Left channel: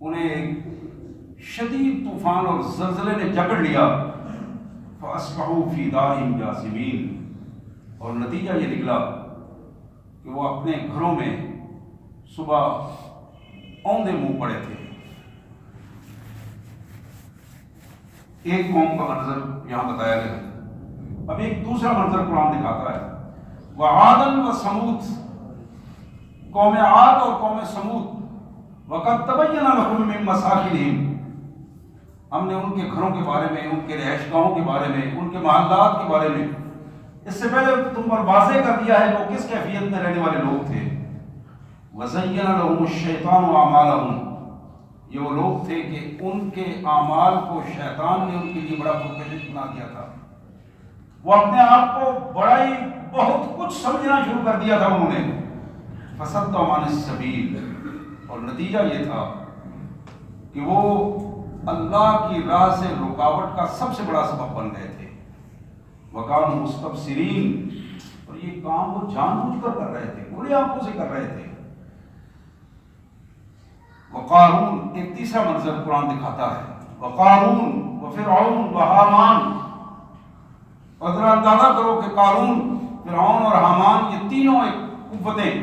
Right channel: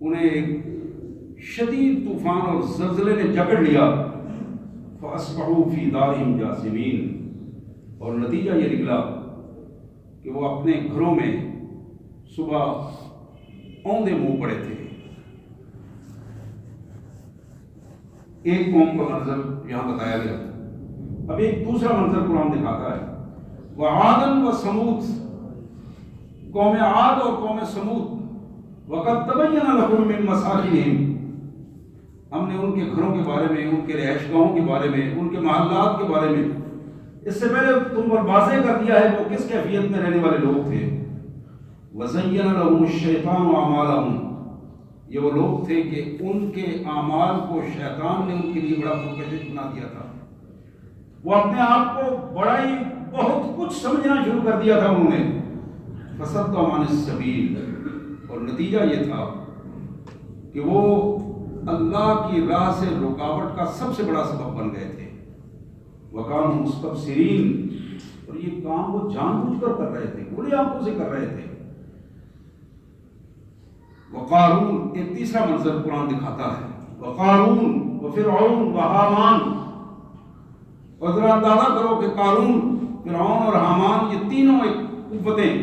انہیں ایک شدید طوفان اور زلزلے نے جکڑ لیا، فَأَصْبَحُوا فِي دَارِهِمْ جَاثِمِينَ، اور نتیجہ یہ نکلا کہ وہ اپنے گھروں میں صبح اوندے منہ پڑے تھے۔ ایک قوم کا منظر یہاں بتایا گیا، اب ایک دوسرا منظر قرآن دکھاتا ہے، وَعَادًا وَثَمُودَ، قوم عاد اور قوم سمود، وَقَدْ تَبَيَّنَ لَكُم مِّن مَّسَاكِنِهِمْ، ہم نے ان کے گھروں کے بارے میں، ان کے رہائش گاہوں کے بارے میں، ان کے محلات کے بارے میں اس سے پہلے تم پر واضح کر دیا ہے کہ وہ کس کیفیت میں رہنے والے لوگ تھے۔ وَزَيَّنَ لَهُمُ الشَّيْطَانُ أَعْمَالَهُمْ، یہ وہ لوگ تھے کہ ان کے اعمال کو شیطان نے ان کے لیے بڑا پرکشش بنا دیا تھا، وہ اپنے آپ کو بڑا ہی بہت کچھ سمجھنا شروع کر دیا تھا انہوں نے۔ فَصَدَّهُمْ عَنِ السَّبِيلِ، اور نتیجہ یہ تھا کہ وہ اللہ کی راہ سے رکاوٹ کا سب سے بڑا سبب بن گئے تھے۔ وَكَانُوا مُسْتَبْصِرِينَ، اور یہ کام وہ جان بوجھ کر کر رہے تھے، کھلی آنکھوں سے کر رہے تھے۔ وقارون، ایک تیسرا منظر قرآن دکھاتا ہے، وقارون وفرعون وحامان، اور ذرا اندازہ کرو کہ قارون، فرعون اور حامان یہ تینوں ایک قوتیں،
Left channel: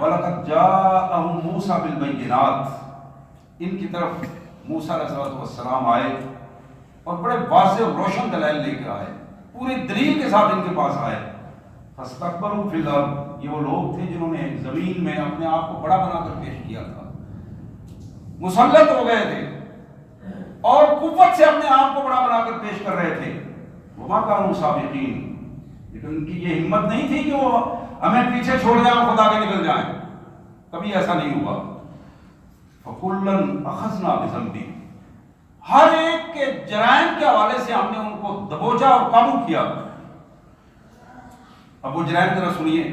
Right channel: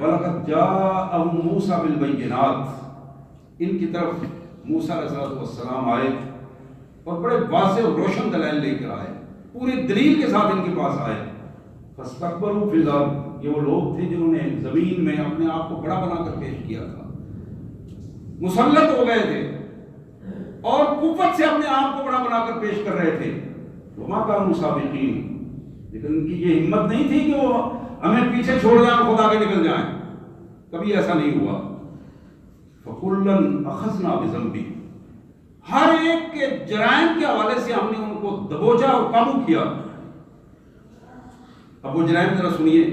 وَلَقَدْ جَاءَهُم مُوسَىٰ بِالْبَيِّنَاتِ، ان کی طرف موسیٰ علیہ السلام آئے اور بڑے واضح اور روشن دلائل لے کر آئے، پوری دلیل کے ساتھ ان کے پاس آئے۔ فَاسْتَكْبَرُوا فِي الْأَرْضِ، یہ وہ لوگ تھے جنہوں نے زمین میں اپنے آپ کو بڑا بنا کر پیش کیا تھا، مسلط ہو گئے تھے اور قوت سے اپنے آپ کو بڑا بنا کر پیش کر رہے تھے۔ وَمَا كَانُوا سَابِقِينَ، لیکن ان کی یہ ہمت نہیں تھی کہ وہ ہمیں پیچھے چھوڑ جائیں اور خدا کے نکل جائیں، کبھی ایسا نہیں ہوا۔ فَكُلًّا أَخَذْنَا بِذَنبِهِ، ہر ایک کے جرائم کے حوالے سے ہم نے ان کو دبوچا اور قابو کیا۔ اب وہ جرائم ذرا سنیے،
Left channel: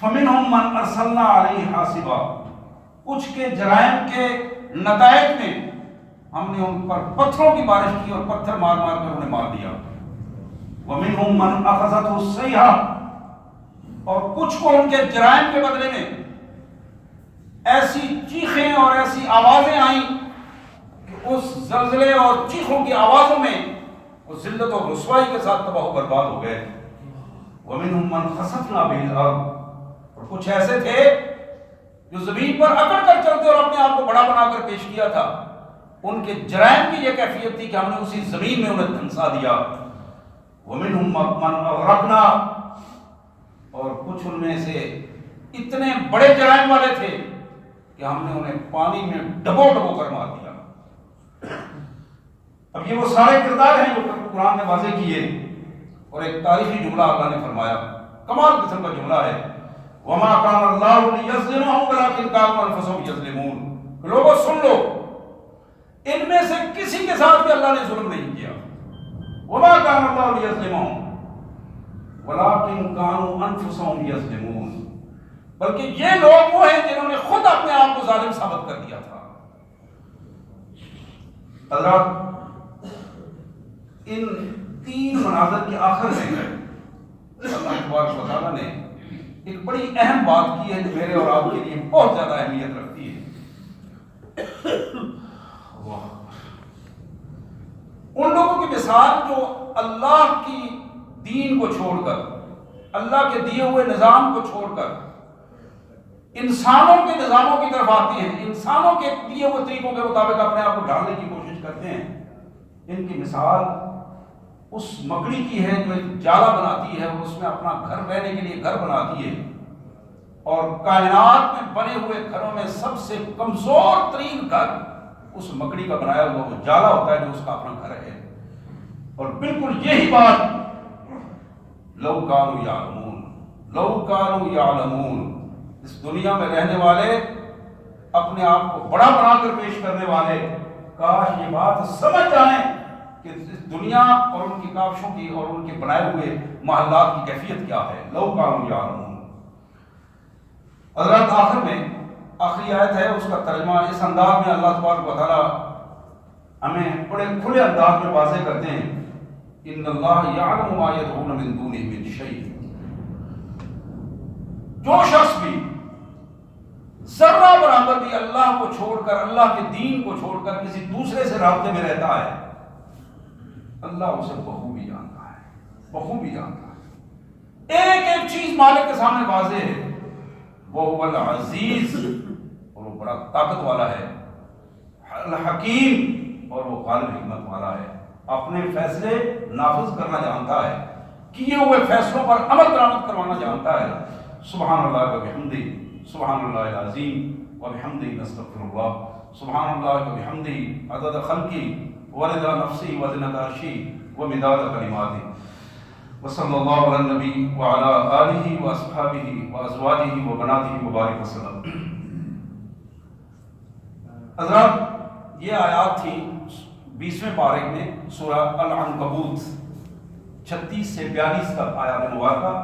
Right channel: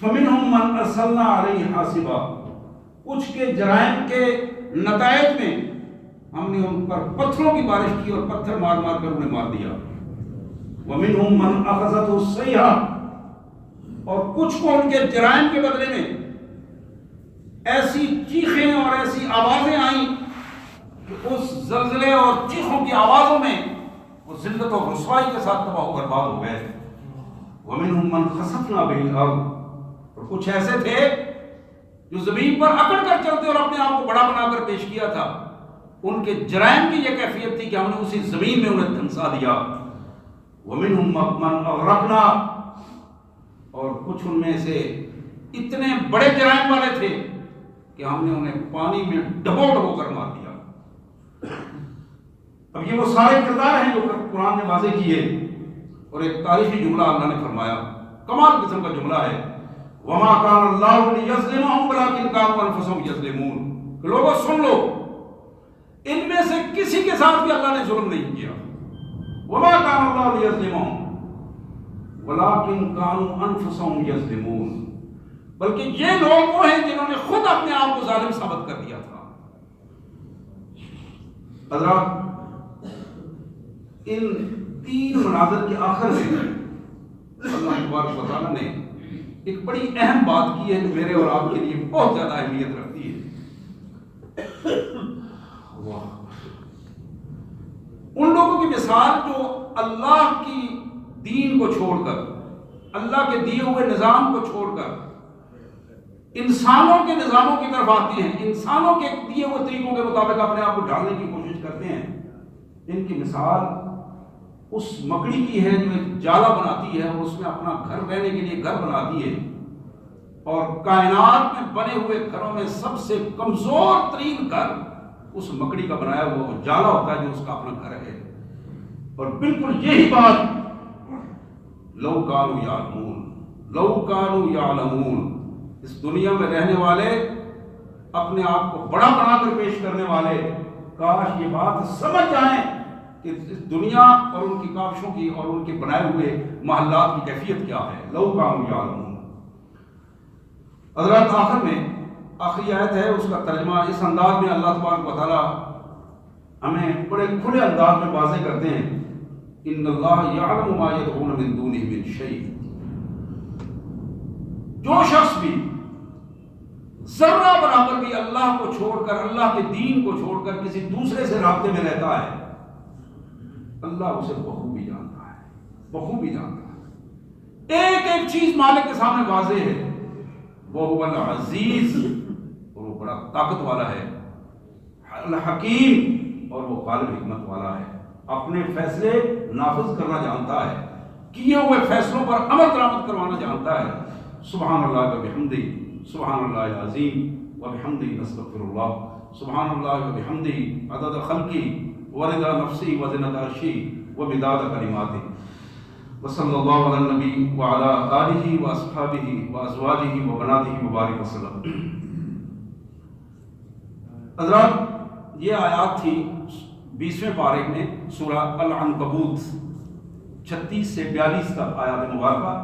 فَمِنْهُمْ مَنْ أَرْسَلْنَا عَلَيْهِ حَاصِبًا، کچھ کے جرائم کے نتائج میں ہم نے ان پر پتھروں کی بارش کی اور پتھر مار مار کر انہیں مار دیا۔ وَمِنْهُمْ مَنْ أَخَذَتْهُ الصَّيْحَةُ، اور کچھ کو ان کے جرائم کے بدلے میں ایسی چیخیں اور ایسی آوازیں آئیں کہ اس زلزلے اور چیخوں کی آوازوں میں وہ ذلت اور رسوائی کے ساتھ تباہ و برباد ہو گئے۔ وَمِنْهُمْ مَنْ خَسَفْنَا بِهِ الْأَرْضَ، اور کچھ ایسے تھے جو زمین پر اکڑ کر چلتے اور اپنے آپ کو بڑا بنا کر پیش کیا تھا، ان کے جرائم کی یہ کیفیت تھی کہ ہم نے اسی زمین میں انہیں دھنسا دیا۔ وَمِنْهُمْ مَنْ أَغْرَقْنَا، اور کچھ ان میں سے اتنے بڑے جرائم والے تھے کہ ہم نے انہیں پانی میں ڈبو ڈبو کر مار دیا۔ اب یہ وہ سارے کردار ہیں جو قرآن نے واضح کیے، اور ایک تاریخی جملہ اللہ نے فرمایا، کمال قسم کا جملہ ہے، وَمَا كَانَ اللَّهُ لِيَظْلِمَهُمْ وَلَٰكِنْ كَانُوا أَنفُسَهُمْ يَظْلِمُونَ، کہ لوگوں سن لو، ان میں سے کسی کے ساتھ بھی اللہ نے ظلم نہیں کیا۔ وَمَا كَانَ اللَّهُ لِيَظْلِمَهُمْ وَلَٰكِنْ كَانُوا أَنفُسَهُمْ يَظْلِمُونَ، بلکہ یہ لوگ وہ ہیں جنہوں نے خود اپنے آپ کو ظالم ثابت کر دیا تھا۔ حضرات، ان تین مناظر کے آخر میں اللہ تبارک و تعالیٰ نے ایک بڑی اہم بات کی ہے جو میرے اور آپ کے لیے بہت زیادہ اہمیت رکھتی ہے۔ ان لوگوں کی مثال جو اللہ کی دین کو چھوڑ کر، اللہ کے دیے ہوئے نظام کو چھوڑ کر انسانوں کے نظاموں کی طرف آتی ہیں، انسانوں کے دیے ہوئے طریقوں کے مطابق اپنے آپ کو ڈھالنے کی کوشش کرتے ہیں، ان کی مثال اس مکڑی کی ہے جو ایک جالا بناتی ہے اور اس میں اپنا گھر رہنے کے لیے گھر بناتی ہے، اور کائنات میں بنے ہوئے گھروں میں سب سے کمزور ترین گھر اس مکڑی کا بنایا ہوا وہ جالا ہوتا ہے جو اس کا اپنا گھر ہے۔ اور بالکل یہی بات لو کانوا یعلمون، لو کانوا یعلمون، اس دنیا میں رہنے والے، اپنے آپ کو بڑا بنا کر پیش کرنے والے، کاش یہ بات سمجھ جائیں کہ اس دنیا اور ان کی کاوشوں کی اور ان کے بنائے ہوئے محلات کی کیفیت کیا ہے۔ لو کانوا یعلمون۔ حضرات، آخر میں آخری آیت ہے، اس کا ترجمہ اس انداز میں اللہ تبارک و تعالیٰ ہمیں بڑے کھلے انداز میں واضح کرتے ہیں، ان اللہ یعلم ما یدعون من دونہ من شیء، جو شخص بھی ذرہ برابر بھی اللہ کو چھوڑ کر، اللہ کے دین کو چھوڑ کر کسی دوسرے سے رابطے میں رہتا ہے، اللہ اسے بخوبی جانتا ہے، بخوبی جانتا ہے۔ ایک ایک چیز مالک کے سامنے واضح ہے، وہ العزیز، اور وہ بڑا طاقت والا ہے، الحکیم، اور وہ غالب حکمت والا ہے، اپنے فیصلے نافذ کرنا جانتا ہے، کیے ہوئے فیصلوں پر عمل درآمد کروانا جانتا ہے۔ سبحان اللہ و بحمدہ، سبحان اللہ العظیم و بحمدہ نستغفر اللہ، سبحان اللہ و بحمدہ عدد خلقی ورضا نفسی وزنۃ عرشی ومداد کلماتی، وصلی اللہ علی النبی وعلی آلہ واصحابہ وازواجہ وبناتہ مبارک وسلم۔ حضرات، یہ آیات تھی 20ویں پارے میں سورہ العنکبوت 36 سے 42 تک آیات مبارکہ۔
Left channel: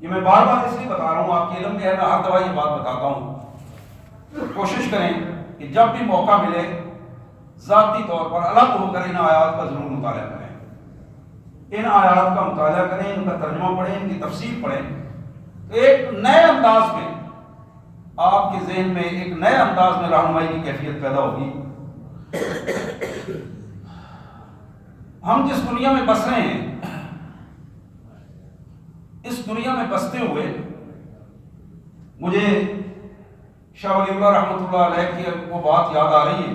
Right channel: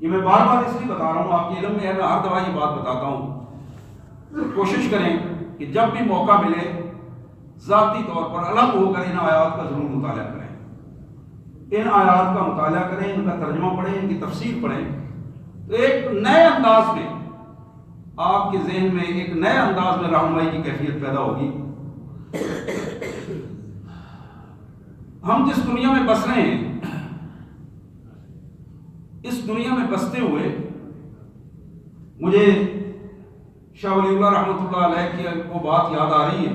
یہ میں بار بار اس لیے بتا رہا ہوں، آپ کے علم میں ہے، میں ہر دفعہ یہ بات بتاتا ہوں، کوشش کریں کہ جب بھی موقع ملے ذاتی طور پر الگ ہو کر ان آیات کا ضرور مطالعہ کریں، ان آیات کا مطالعہ کریں، ان کا ترجمہ پڑھیں، ان کی تفسیر پڑھیں، تو ایک نئے انداز میں آپ کے ذہن میں ایک نئے انداز میں رہنمائی کی کیفیت پیدا ہوگی۔ ہم جس دنیا میں بس رہے ہیں، اس دنیا میں بستے ہوئے مجھے شاہ ولی اللہ رحمۃ اللہ علیہ کی وہ بات یاد آ رہی ہے۔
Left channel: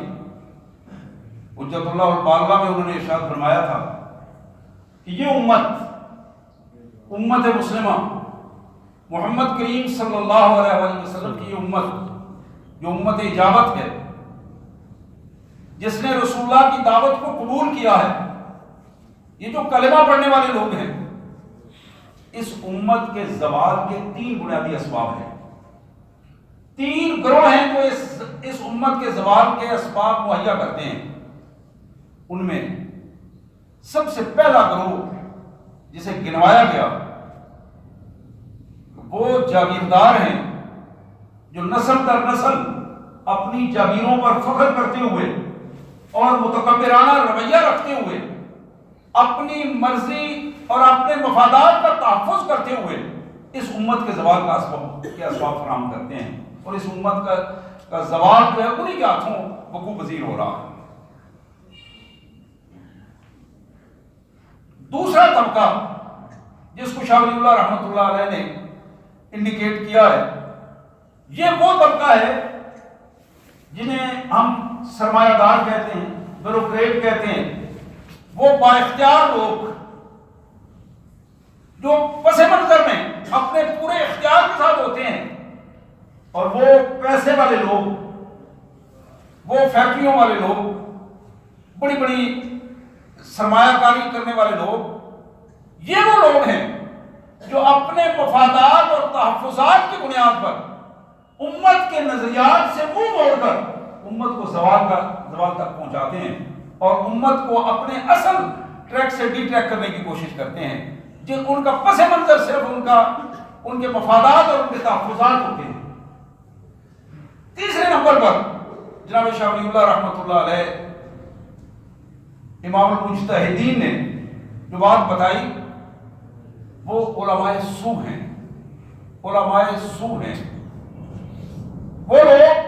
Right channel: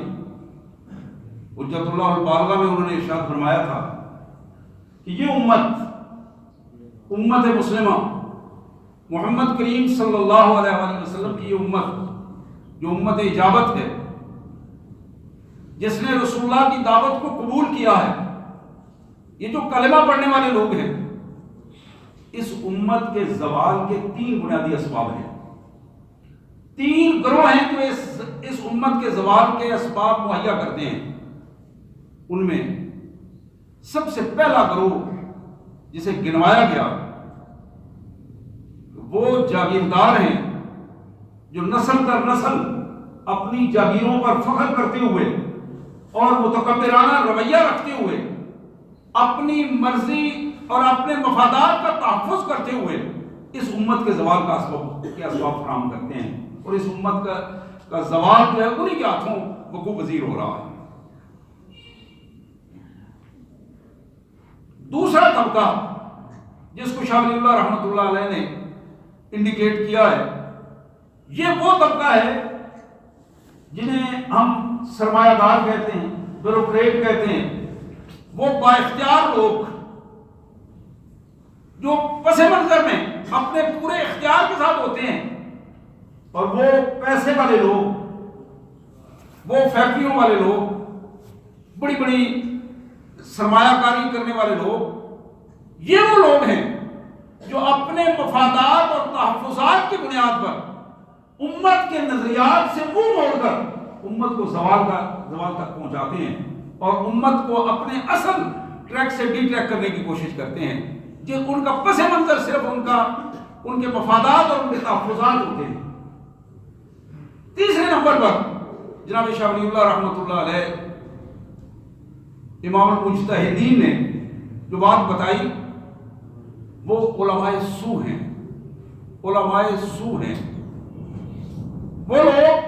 حجت اللہ البالغہ میں انہوں نے ارشاد فرمایا تھا کہ یہ امت مسلمہ، محمد کریم صلی اللہ علیہ وآلہ وسلم کی یہ امت، جو امت اجابت ہے، جس نے رسول اللہ کی دعوت کو قبول کیا ہے، یہ جو کلمہ پڑھنے والے لوگ ہیں، اس امت کے زوال کے 3 بنیادی اسباب ہیں، 3 گروہ ہیں جو اس امت کے زوال کے اسباب مہیا کرتے ہیں۔ ان میں سب سے پہلا گروہ جسے گنوایا گیا وہ جاگیردار ہیں، جو نسل در نسل اپنی جاگیروں پر فخر کرتے ہوئے اور متکبرانہ رویہ رکھتے ہوئے اپنی مرضی اور اپنے مفادات کا تحفظ کرتے ہوئے اس امت کے زوال کا اسباب فراہم کرتے ہیں، اور اس امت کا زوال جو ہے انہی کے ہاتھوں وقوع پذیر ہو رہا ہے۔ دوسرا طبقہ جس کو شاہ ولی اللہ رحمۃ اللہ علیہ نے انڈیکیٹ کیا ہے، یہ وہ طبقہ ہے جنہیں ہم سرمایہ دار کہتے ہیں، بیوروکریٹ کہتے ہیں، وہ با اختیار لوگ جو پس منظر میں اپنے پورے اختیار کے ساتھ ہوتے ہیں، اور وہ پیسے والے لوگ، وہ فیکٹریوں والے لوگ، بڑی بڑی سرمایہ کاری کرنے والے لوگ، یہ وہ لوگ ہیں جو اپنے مفادات اور تحفظات کی بنیاد پر امت کے نظریات سے منہ موڑ کر امت کو زوال تک پہنچاتے ہیں، اور امت کو اپنے اصل ٹریک سے ڈی ٹریک کرنے کی کوشش کرتے ہیں، کہ ان کا پس منظر صرف ان کے مفادات اور ان کے تحفظات ہوتے ہیں۔ تیسرے نمبر پر جناب شاہ ولی اللہ رحمۃ اللہ علیہ امام المجتہدین نے جو بات بتائی، وہ علماء سو ہیں۔ علماء سو ہیں وہ لوگ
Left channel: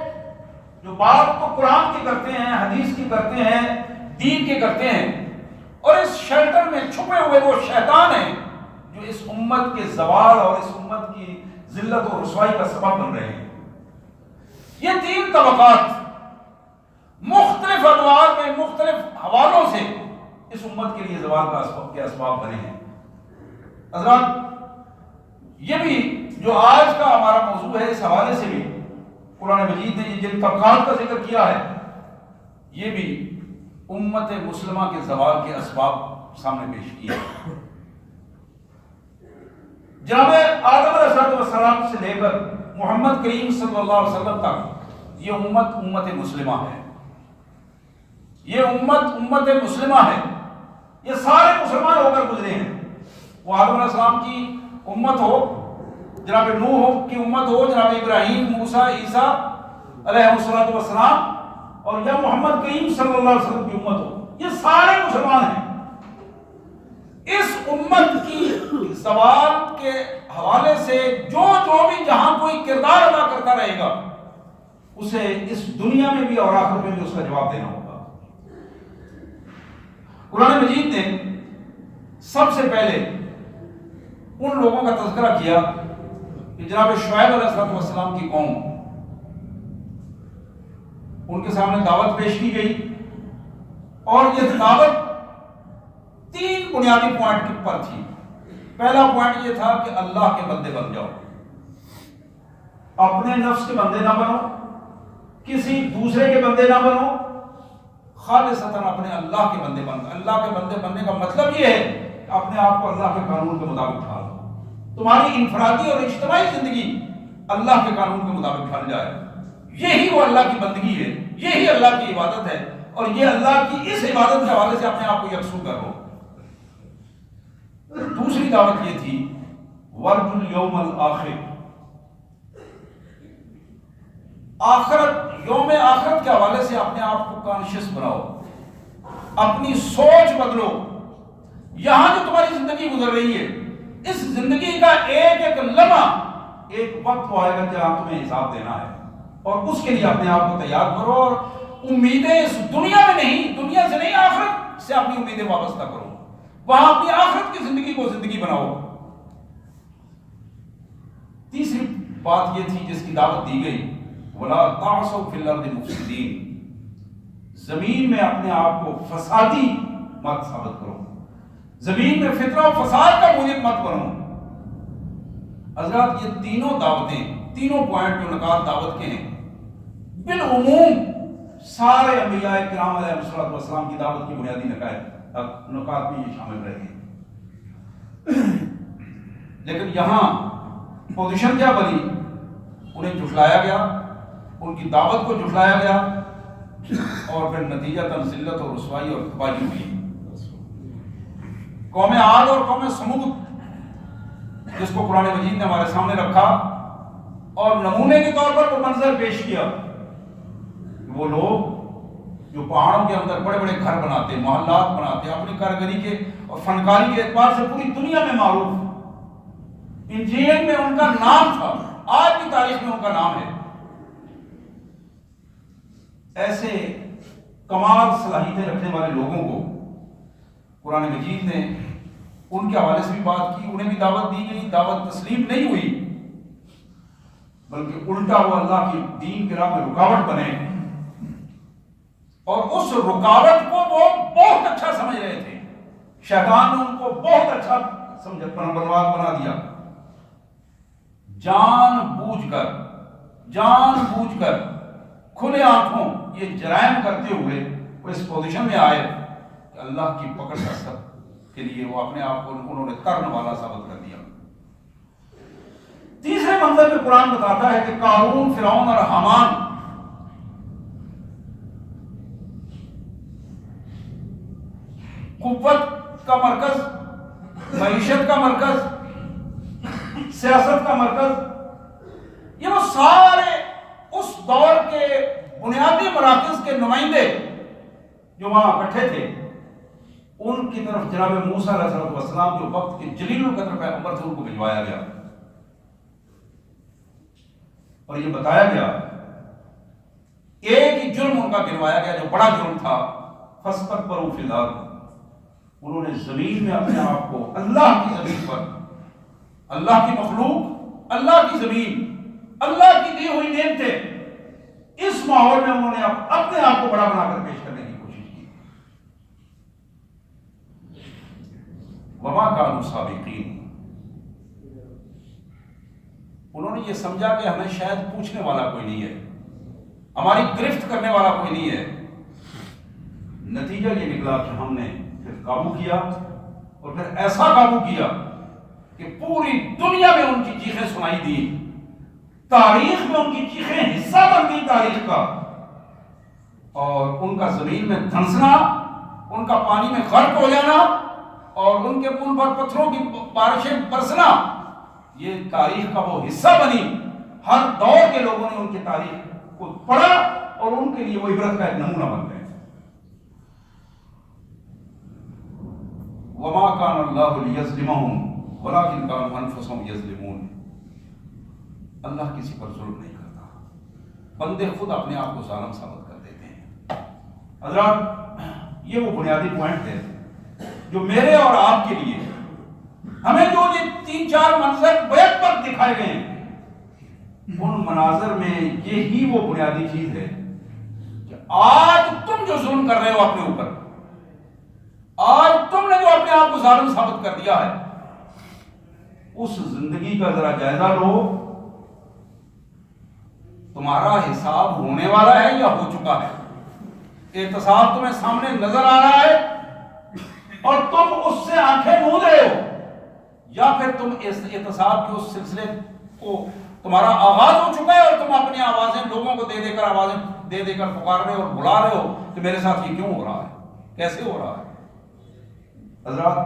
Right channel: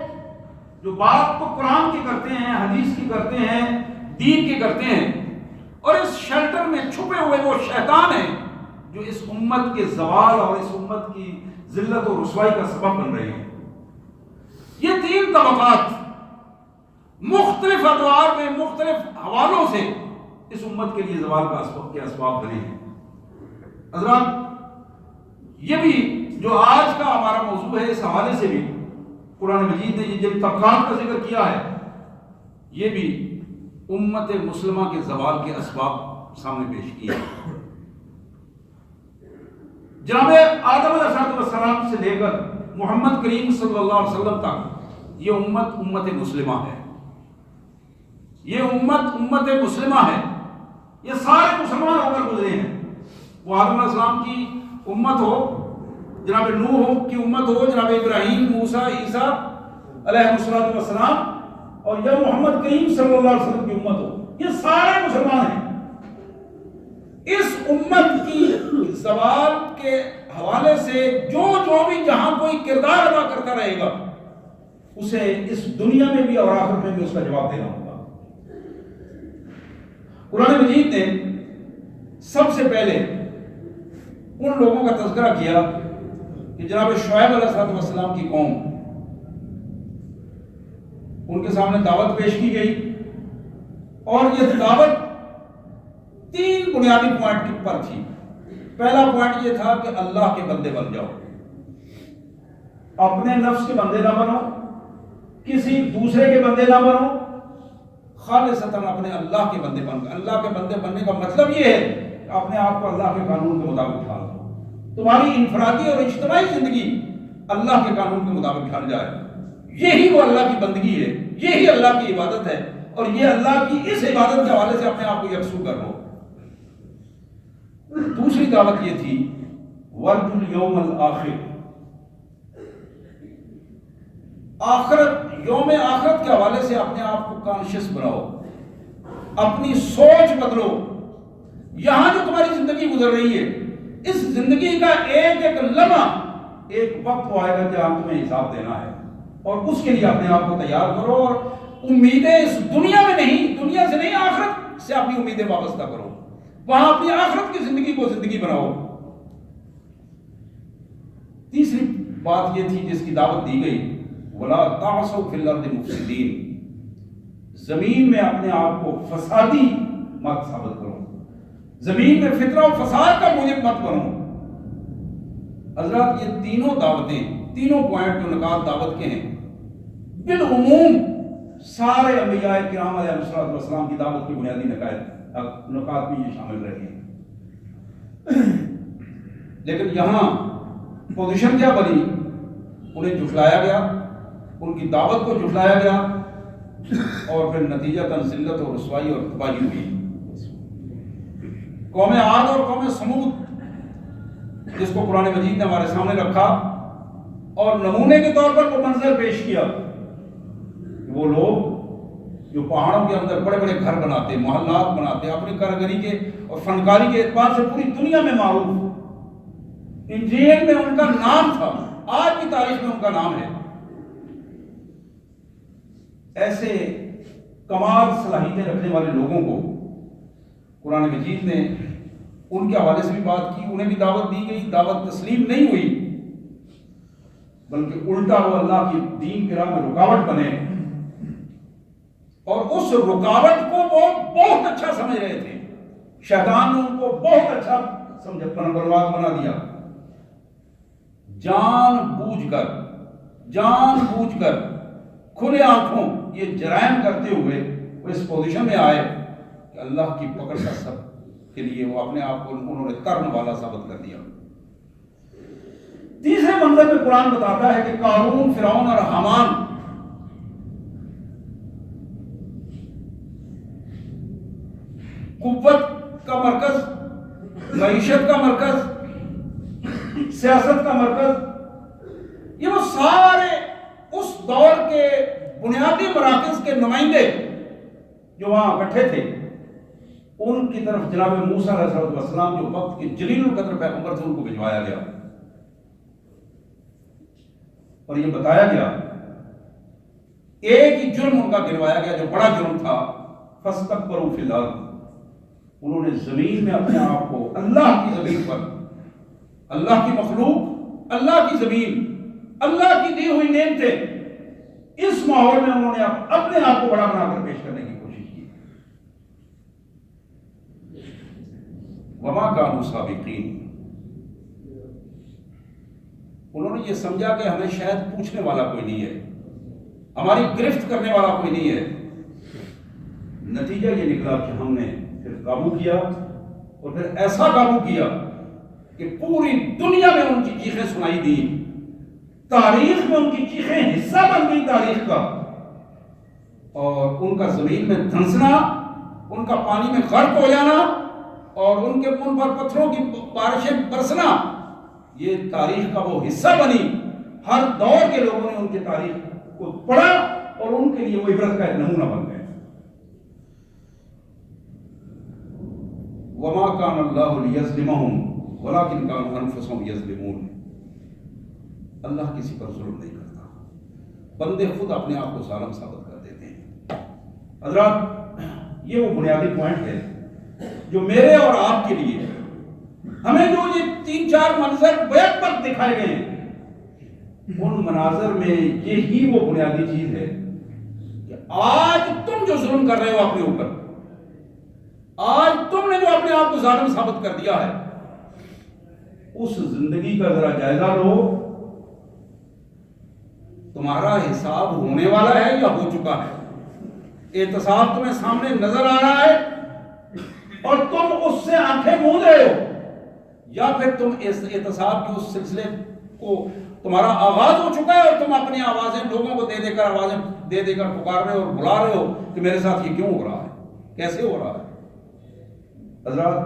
جو بات تو قرآن کی کرتے ہیں، حدیث کی کرتے ہیں، دین کی کرتے ہیں، اور اس شیلٹر میں چھپے ہوئے وہ شیطان ہیں جو اس امت کے زوال اور اس امت کی ذلت و رسوائی کا سبب بن رہے ہیں۔ یہ 3 طبقات مختلف ادوار میں مختلف حوالوں سے اس امت کے لیے زوال کے اسباب بنے ہیں۔ حضرات، یہ بھی جو آج کا ہمارا موضوع ہے، اس حوالے سے بھی قرآن مجید نے جن طبقات کا ذکر کیا ہے، یہ بھی امت مسلمہ کے زوال کے اسباب سامنے پیش کیے ہیں۔ جناب آدم علیہ السلام سے لے کر محمد کریم صلی اللہ علیہ وسلم تک یہ امت مسلمہ ہے، یہ امت مسلمہ ہے، یہ سارے مسلمان ہو کر گزرے ہیں۔ وہ آدم علیہ السلام کی امت ہو، جناب نوح کی امت ہو، جناب ابراہیم، موسیٰ، عیسیٰ علیہ السلام، اور یا محمد کریم صلی اللہ علیہ وسلم کی امت ہو، یہ سارے مسلمان ہیں۔ اس امت کی زوال کے حوالے سے جو بھی جہاں کوئی کردار ادا کرتا رہے گا، اسے اس دنیا میں بھی اور آخرت میں بھی اس کا جواب دینا ہوگا۔ قرآن مجید نے سب سے پہلے ان لوگوں کا تذکرہ کیا کہ جناب شعیب علیہ السلام کی قوم، ان کے سامنے دعوت پیش کی گئی، اور یہ دعوت 3 بنیادی پوائنٹ پر تھی۔ پہلا پوائنٹ یہ تھا کہ اللہ کے بندے بن جاؤ، اپنے نفس کے بندے نہ بنو، کسی دوسرے کے بندے نہ بنو، خالصتاً اپنے اللہ کے بندے بن۔ اللہ کے بندے بننے کا مطلب یہ ہے کہ اپنے آپ کو اللہ کے قانون کے مطابق ڈھال، تمہاری انفرادی اور اجتماعی زندگی اللہ کے قانون کے مطابق ڈھل جائے۔ یہی وہ اللہ کی بندگی ہے، یہی اللہ کی عبادت ہے، اور یہ اللہ کی اس عبادت کے حوالے سے اپنے آپ کو یکسو کرو۔ دوسری دعوت یہ تھی ورجو الیوم الآخر، آخرت، یوم آخرت کے حوالے سے اپنے آپ کو کانشیس بناؤ، اپنی سوچ بدلو۔ یہاں جو تمہاری زندگی گزر رہی ہے، اس زندگی کا ایک ایک لمحہ ایک وقت آئے گا جہاں تمہیں حساب دینا ہے، اور اس کے لیے اپنے آپ کو تیار کرو، اور امیدیں اس دنیا میں نہیں، دنیا سے نہیں، آخرت سے اپنی امیدیں وابستہ کرو، وہاں اپنی آخرت کی زندگی کو زندگی بناؤ۔ تیسری بات یہ تھی جس کی دعوت دی گئی، وَلَا تَعْصَوْا فِي الْأَرْضِ مُفْسِدِينَ، زمین میں اپنے آپ کو فسادی مت ثابت کرو، زمین میں فتنہ و فساد کا موجب مت بنو۔ حضرات یہ تینوں دعوتیں، تینوں پوائنٹ جو نکات دعوت کے ہیں، بالعموم سارے انبیاء کرام علیہ السلام کی دعوت کی بنیادی نکات میں یہ شامل رہے ہیں۔ لیکن یہاں پوزیشن کیا بنی؟ انہیں جھٹلایا گیا، ان کی دعوت کو جھٹلایا گیا، اور پھر نتیجہ ذلت اور رسوائی اور تباہی ہوئی۔ قوم عاد اور قوم سمود، جس کو قرآن مجید نے ہمارے سامنے رکھا اور نمونے کے طور پر وہ منظر پیش کیا، وہ لوگ جو پہاڑوں کے اندر بڑے بڑے گھر بناتے، محلات بناتے، اپنی کاریگری کے اور فنکاری کے اعتبار سے پوری دنیا میں معروف، انجیل میں ان کا نام تھا، آج کی تاریخ میں ان کا نام ہے۔ ایسے کمال صلاحیتیں رکھنے والے لوگوں کو قرآن مجید نے ان کے حوالے سے بھی بات کی، انہیں بھی دعوت دی گئی، دعوت تسلیم نہیں ہوئی، بلکہ الٹا وہ اللہ کی دین کے راہ میں رکاوٹ بنے، اور اس رکاوٹ کو وہ بہت اچھا سمجھ رہے تھے۔ شیطان نے ان کو بہت اچھا برباد بنا دیا۔ جان بوجھ کر کھلے آنکھوں یہ جرائم کرتے ہوئے وہ اس پوزیشن میں آئے کہ اللہ کی پکڑ کا سب کے لیے وہ اپنے آپ کو انہوں نے ترن والا ثابت کر دیا۔ تیسرے منظر میں قرآن بتاتا ہے کہ قارون، فرعون اور حامان قوت کا مرکز، معیشت کا مرکز، سیاست کا مرکز، یہ وہ سارے اس دور کے بنیادی مراکز کے نمائندے جو وہاں اکٹھے تھے، ان کی طرف جناب موسیٰ علیہ السلام جو وقت کے جلیل القدر پیغمبر تھے ان کو بھجوایا گیا، اور یہ بتایا گیا، ایک ہی جرم ان کا گروایا گیا جو بڑا جرم تھا، فَاسْتَكْبَرُوا فِي الْأَرْضِ، انہوں نے زمین میں اپنے آپ کو، اللہ کی زمین پر، اللہ کی مخلوق، اللہ کی زمین، اللہ کی دی ہوئی نعمتیں، اس ماحول میں انہوں نے اپنے آپ کو بڑا بنا کر پیش کرنے کی کوشش کی۔ وَمَا كَانُوا سَابِقِينَ، انہوں نے یہ سمجھا کہ ہمیں شاید پوچھنے والا کوئی نہیں ہے، ہماری گرفت کرنے والا کوئی نہیں ہے۔ نتیجہ یہ نکلا کہ ہم نے پھر قابو کیا، اور پھر ایسا قابو کیا کہ پوری دنیا میں ان کی چیخیں سنائی دی، تاریخ میں ان کی چیخیں حصہ بن گئی تاریخ کا، اور ان کا زمین میں دھنسنا، ان کا پانی میں غرق ہو جانا، اور ان کے ان پر پتھروں کی بارشیں برسنا، یہ تاریخ کا وہ حصہ بنی۔ ہر دور کے لوگوں نے ان کی تاریخ کو پڑھا اور ان کے لیے وہ عبرت کا ایک نمونہ بن گئے۔ وَمَا كَانَ اللَّهُ لِيَظْلِمَهُمْ وَلَكِنْ كَانُوا أَنفُسَهُمْ يَظْلِمُونَ، اللہ کسی پر ظلم نہیں کرتا، بندے خود اپنے آپ کو ظالم ثابت کر دیتے ہیں۔ حضرات، یہ وہ بنیادی پوائنٹ ہے جو میرے اور آپ کے لیے ہمیں جو یہ 3-4 منظر بیت پر دکھائے گئے ہیں، ان مناظر میں یہی وہ بنیادی چیز ہے کہ آج تم جو ظلم کر رہے ہو اپنے اوپر، آج تم نے جو اپنے آپ کو ظالم ثابت کر دیا ہے، اس زندگی کا ذرا جائزہ لو، تمہارا حساب ہونے والا ہے یا ہو چکا ہے؟ احتساب تمہیں سامنے نظر آ رہا ہے اور تم اس سے آنکھیں موند رہے ہو، یا پھر تم اس احتساب کے اس سلسلے کو تمہارا آغاز ہو چکا ہے اور تم اپنی آوازیں لوگوں کو دے کر آوازیں دے کر پکار رہے ہو اور بلا رہے ہو کہ میرے ساتھ یہ کیوں ہو رہا ہے، کیسے ہو رہا ہے؟ حضرات،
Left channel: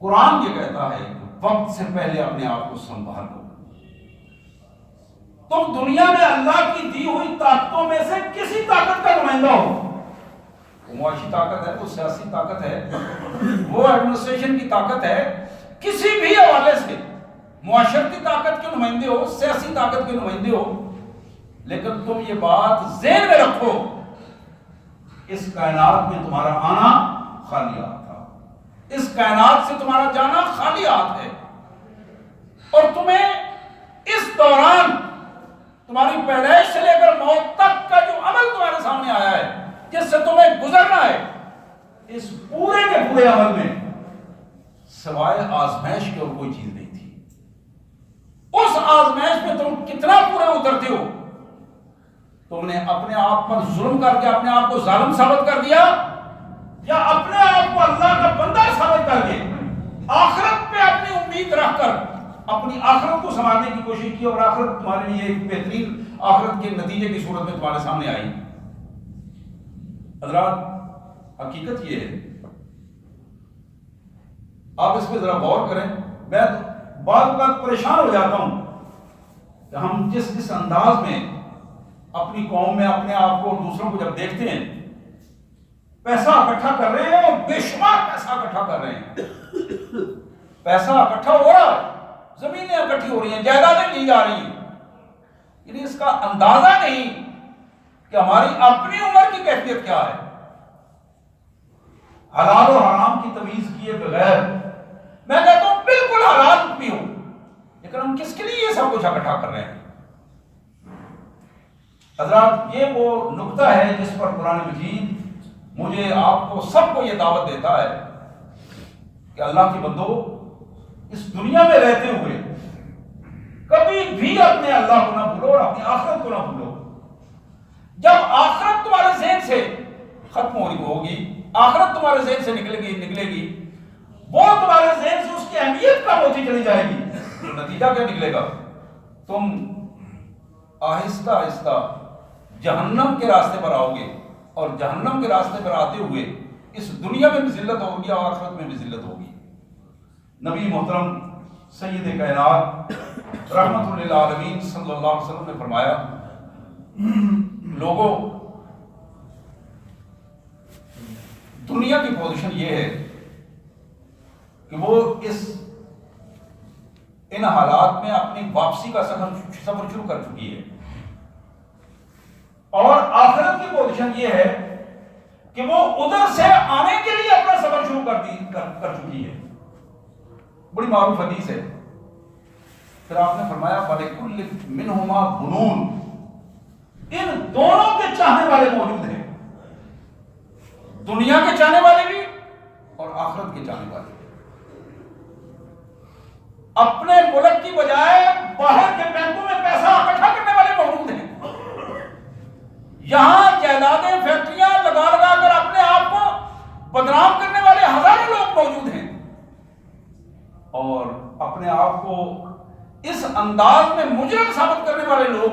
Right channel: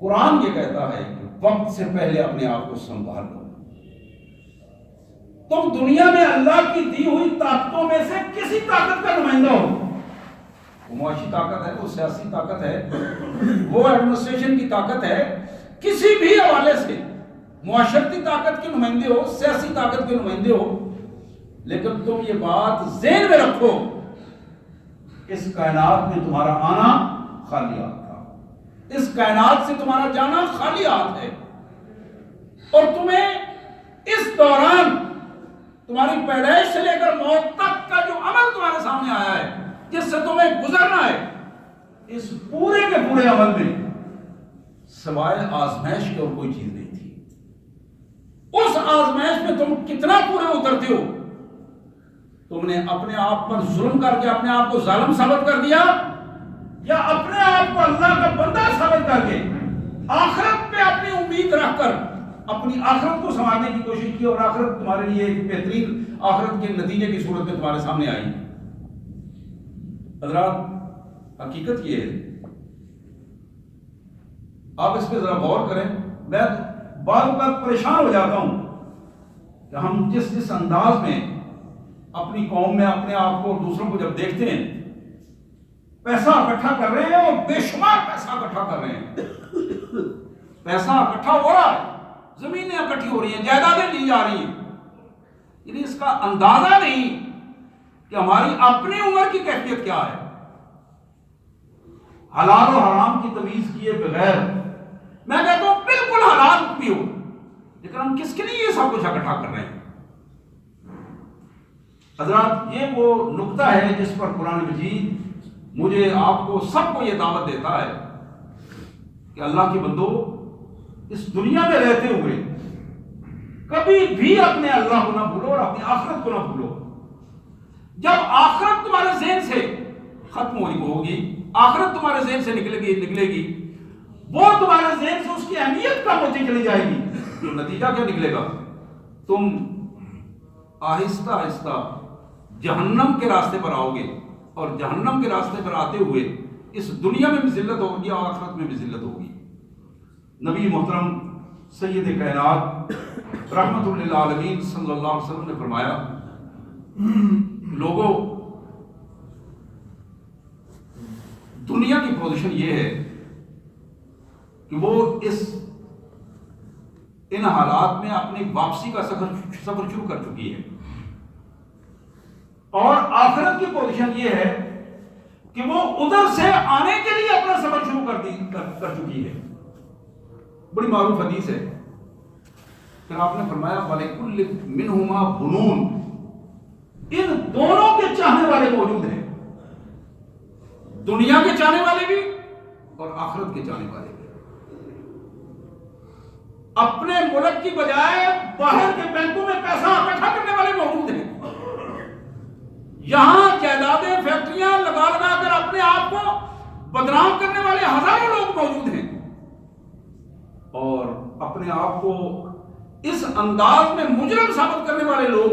قرآن یہ کہتا ہے کہ وقت سے پہلے اپنے آپ کو سنبھال لو۔ تم دنیا میں اللہ کی دی ہوئی طاقتوں میں سے کسی طاقت کا نمائندہ ہو، وہ معاشی طاقت ہے، وہ سیاسی طاقت ہے، وہ ایڈمنسٹریشن کی طاقت ہے، کسی بھی حوالے سے معاشرتی طاقت کے نمائندے ہو، سیاسی طاقت کے نمائندے ہو، لیکن تم یہ بات ذہن میں رکھو، اس کائنات میں تمہارا آنا خالی ہاتھ تھا، اس کائنات سے تمہارا جانا خالی ہاتھ ہے، اور تمہیں اس دوران تمہاری پیدائش سے لے کر موت تک کا جو عمل تمہارے سامنے آیا ہے، جس سے تمہیں گزرنا ہے، اس پورے کے پورے عمل میں سوائے آزمائش کی اور کوئی چیز نہیں تھی۔ اس آزمائش میں تم کتنا پورے اترتے ہو؟ تم نے اپنے آپ پر ظلم کر کے اپنے آپ کو ظالم ثابت کر دیا، یا اپنے آپ کو اللہ کا بندہ ثابت کر کے آخرت پہ اپنی امید رکھ کر اپنی آخرت کو سنوارنے کی کوشش کی، اور آخرت تمہارے لیے ایک بہترین آخرت کے نتیجے کی صورت میں تمہارے سامنے آئی۔ حضرات، حقیقت یہ ہے، آپ اس پہ ذرا غور کریں۔ میں بعض اوقات پریشان ہو جاتا ہوں کہ ہم جس انداز میں اپنی قوم میں اپنے آپ کو اور دوسروں کو جب دیکھتے ہیں، پیسہ اکٹھا کر رہے ہیں اور بے شمار پیسہ اکٹھا کر رہے ہیں، پیسہ اکٹھا ہو رہا ہے، زمینیں اکٹھی ہو رہی ہیں، جائیدادیں لی جا رہی ہیں، یعنی اس کا اندازہ نہیں کہ ہماری اپنی عمر کی کیفیت کیا ہے۔ حلال و حرام کی تمیز کیے بغیر میں کہتا ہوں بالکل حلال بھی ہو، لیکن ہم کس کے لیے یہ سب کچھ اکٹھا کر رہے ہیں؟ حضرات، یہ وہ نقطہ ہے جس پر قرآن مجید مجھے آپ کو سب کو یہ دعوت دیتا ہے کہ اللہ کے بندو، اس دنیا میں رہتے ہوئے کبھی بھی اپنے اللہ کو نہ بھولو اور اپنی آخرت کو نہ بھولو۔ جب آخرت تمہارے ذہن سے ختم ہوگی، آخرت تمہارے ذہن سے نکلے گی، وہ تمہارے ذہن سے اس کی اہمیت کم ہوتی چلی جائے گی، تو نتیجہ کیا نکلے گا؟ تم آہستہ آہستہ جہنم کے راستے پر آؤ گے، اور جہنم کے راستے پر آتے ہوئے اس دنیا میں بھی ذلت ہوگی اور آخرت میں بھی ذلت ہوگی۔ نبی محترم سید کائنات رحمت للعالمین صلی اللہ علیہ وسلم نے فرمایا، لوگوں، دنیا کی پوزیشن یہ ہے کہ وہ ان حالات میں اپنی واپسی کا سفر شروع کر چکی ہے، اور آخرت کی پوزیشن یہ ہے کہ وہ ادھر سے آنے کے لیے اپنا سفر شروع کر چکی ہے۔ بڑی معروف حدیث ہے، پھر آپ نے فرمایا وَلِكُلِّ مِنْهُمَا بُنُونَ، ان دونوں کے چاہنے والے موجود ہیں، دنیا کے چاہنے والے بھی اور آخرت کے چاہنے والے بھی۔ اپنے ملک کی بجائے باہر کے بینکوں میں پیسہ اکٹھا کرنے والے موجود ہیں، یہاں جائیدادیں فیکٹریاں لگا کر اپنے آپ کو بدنام کرنے والے ہزاروں لوگ موجود ہیں، اور اپنے آپ کو اس انداز میں مجرم ثابت کرنے والے لوگ،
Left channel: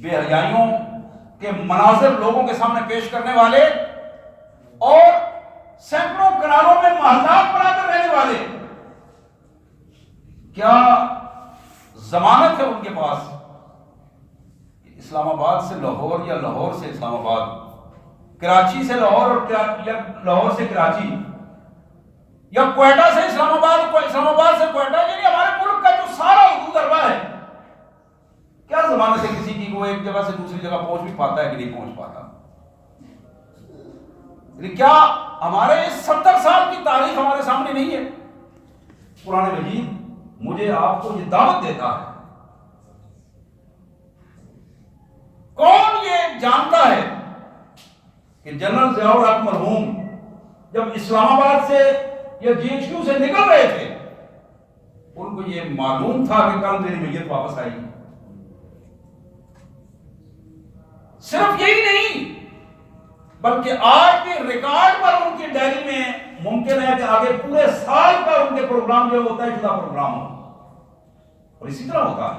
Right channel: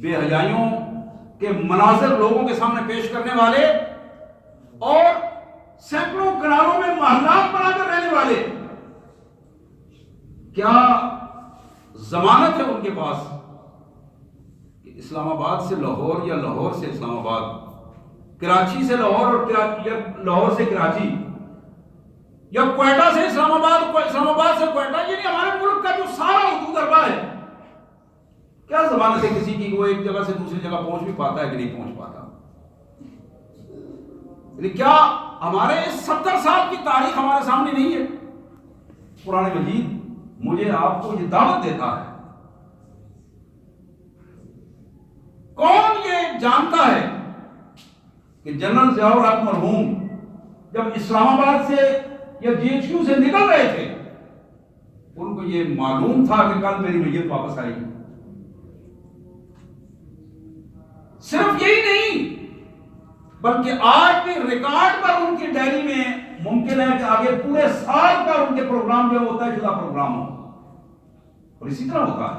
بے حیائیوں کے مناظر لوگوں کے سامنے پیش کرنے والے، اور سینکڑوں کناروں میں محلات بنا کر رہنے والے، کیا ضمانت ہے ان کے پاس کہ اسلام آباد سے لاہور یا لاہور سے اسلام آباد، کراچی سے لاہور اور یا لاہور سے کراچی، یا کوئٹہ سے اسلام آباد، اسلام آباد سے کوئٹہ، یعنی ہمارے ملک کا جو سارا حدود اربا ہے، کیا زمانے سے کسی کی وہ ایک جگہ سے دوسری جگہ پہنچ بھی پاتا ہے کہ نہیں پہنچ پاتا؟ کیا ہمارے اس 70 سال کی تاریخ ہمارے سامنے نہیں ہے؟ قرآن مجید مجھے آپ کو یہ دعوت دیتا ہے. کون یہ جانتا ہے کہ جنرل ضیاء الحق مرحوم جب اسلام آباد سے یا جی ایچ کیو سے نکل رہے تھے ان کو یہ معلوم تھا کہ کل میری میت واپس آئے گی؟ صرف یہی نہیں بلکہ آج کے ریکارڈ پر ان کی ڈائری میں ممکن ہے کہ آگے پورے سال کا ان کے پروگرام جو ہوتا ہے جدا پروگرام ہو. اور اسی طرح ہوتا ہے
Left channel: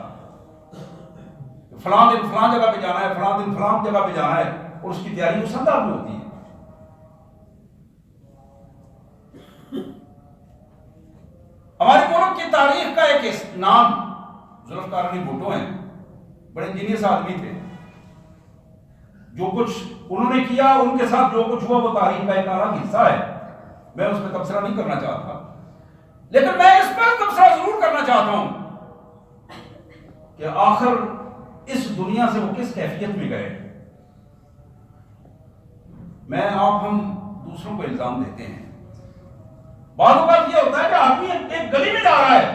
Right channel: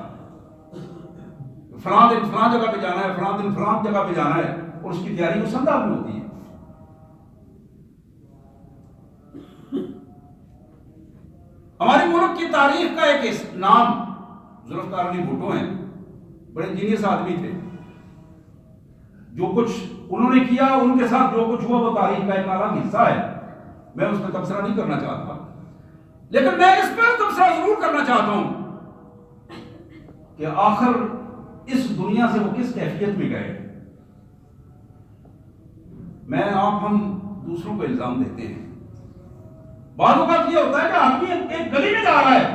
فلاں دن فلاں جگہ پہ جانا ہے، فلاں دن فلاں جگہ پہ جانا ہے، اور اس کی تیاری اس انداز میں ہوتی ہے. ہمارے ملک کی تاریخ کا ایک نام ذوالفقار علی بھٹو ہیں. بڑے جینیس آدمی تھے. جو کچھ انہوں نے کیا، ان کے ساتھ جو کچھ ہوا، وہ تاریخ کا ایک الگ حصہ ہے. میں اس پہ تبصرہ نہیں کرنا چاہتا، لیکن میں اس پر تبصرہ ضرور کرنا چاہتا ہوں کہ آخر اس دنیا سے وہ کس کیفیت میں گئے. ہم دوسروں کو الزام دیتے ہیں. بعض اوقات یہ ہوتا ہے کہ آدمی ایک گلی میں جا رہا ہے،